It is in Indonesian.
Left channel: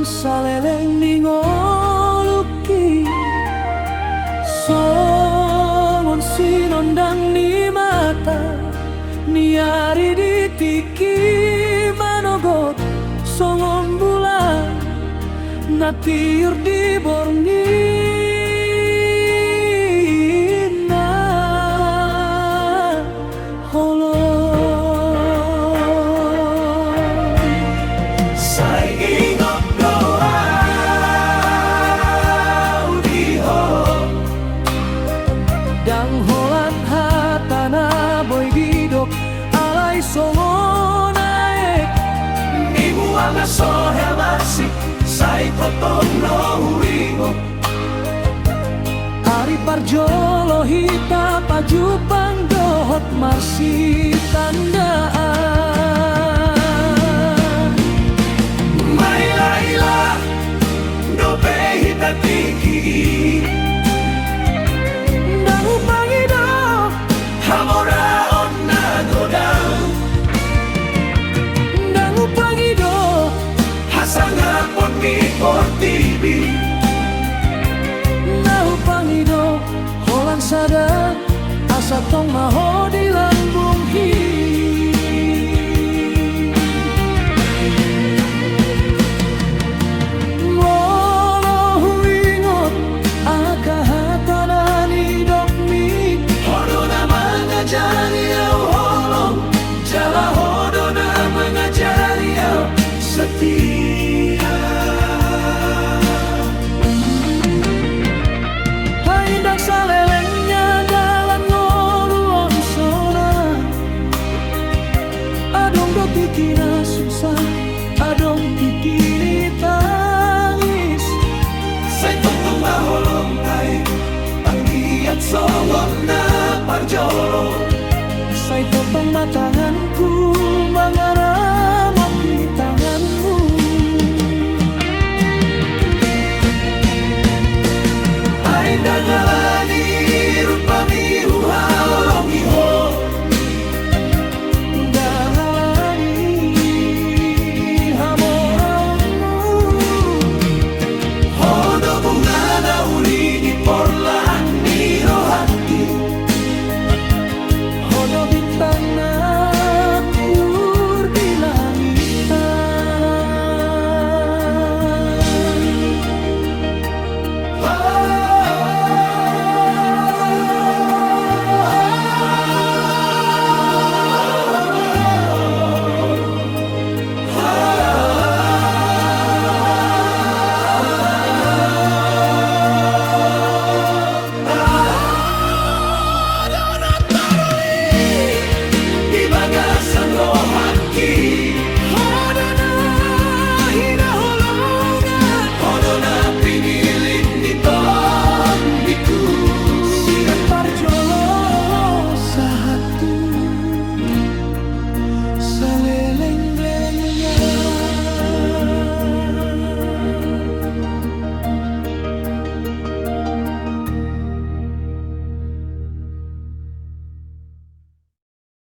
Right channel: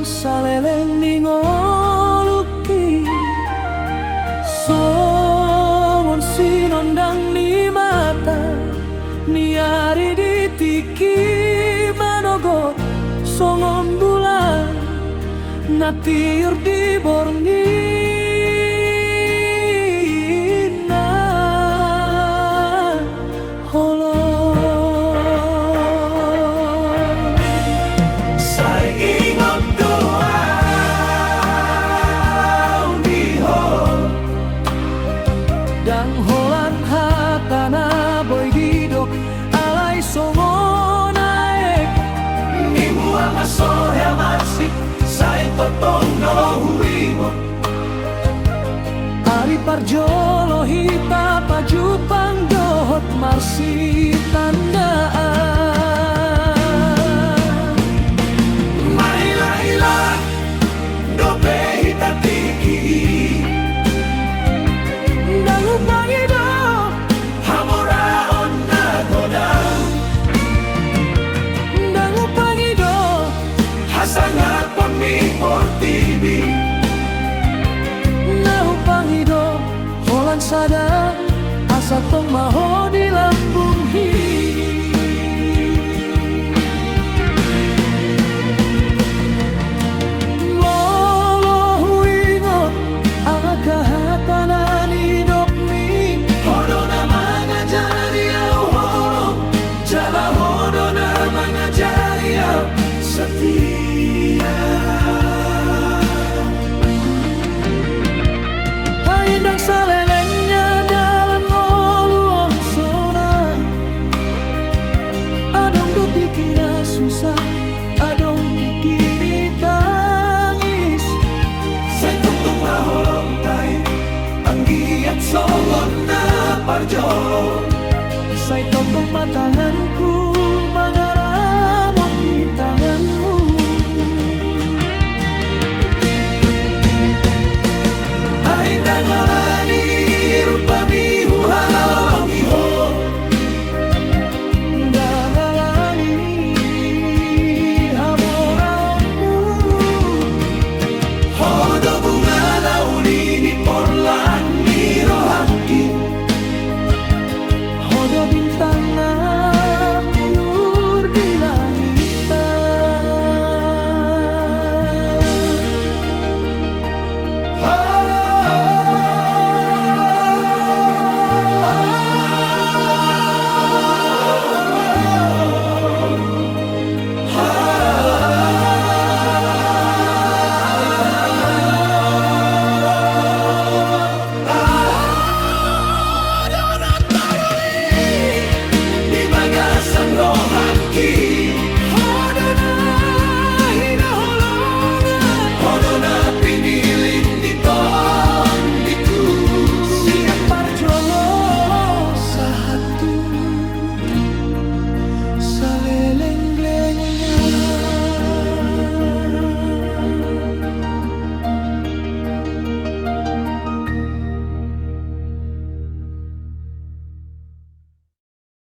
Songon saleleng ningoluki, songon sinondang ni mata, niari ditiki manogot, songon bulan natiur di borngi. Dang holan hatana boy didok alay songon naik ibuan na sohel masik say totong no huingot Ari parjolo hita pajupang dohot marsi tandaan Mai laila dope hita tiki Pangido, hamora onna goda. Dangu pangido, hasanga pon mi portibi. Nahu pangido, holan sada, asa tong maho di lambung hi. Molo huingot, akahatana ni dok. Hodona mengajari au holong Jala hodona mengajari au setia Haindang salelengnya dalam ngoluon sona Adong do tikina susah Adong tikini tangis Say tong maholong tay Anggiat songon na parjolo Say totong matanganku mangaramot di tanganmu Ay dangalani rupami huhalong iho Dangalani hamoraonmu Hodo bunga na uli di porlak ni rohaki Hodo bintang na tiur di langitan Hodona hina holongan Hodona pinilin nitong itu Siang parjolo sahatu Saleleng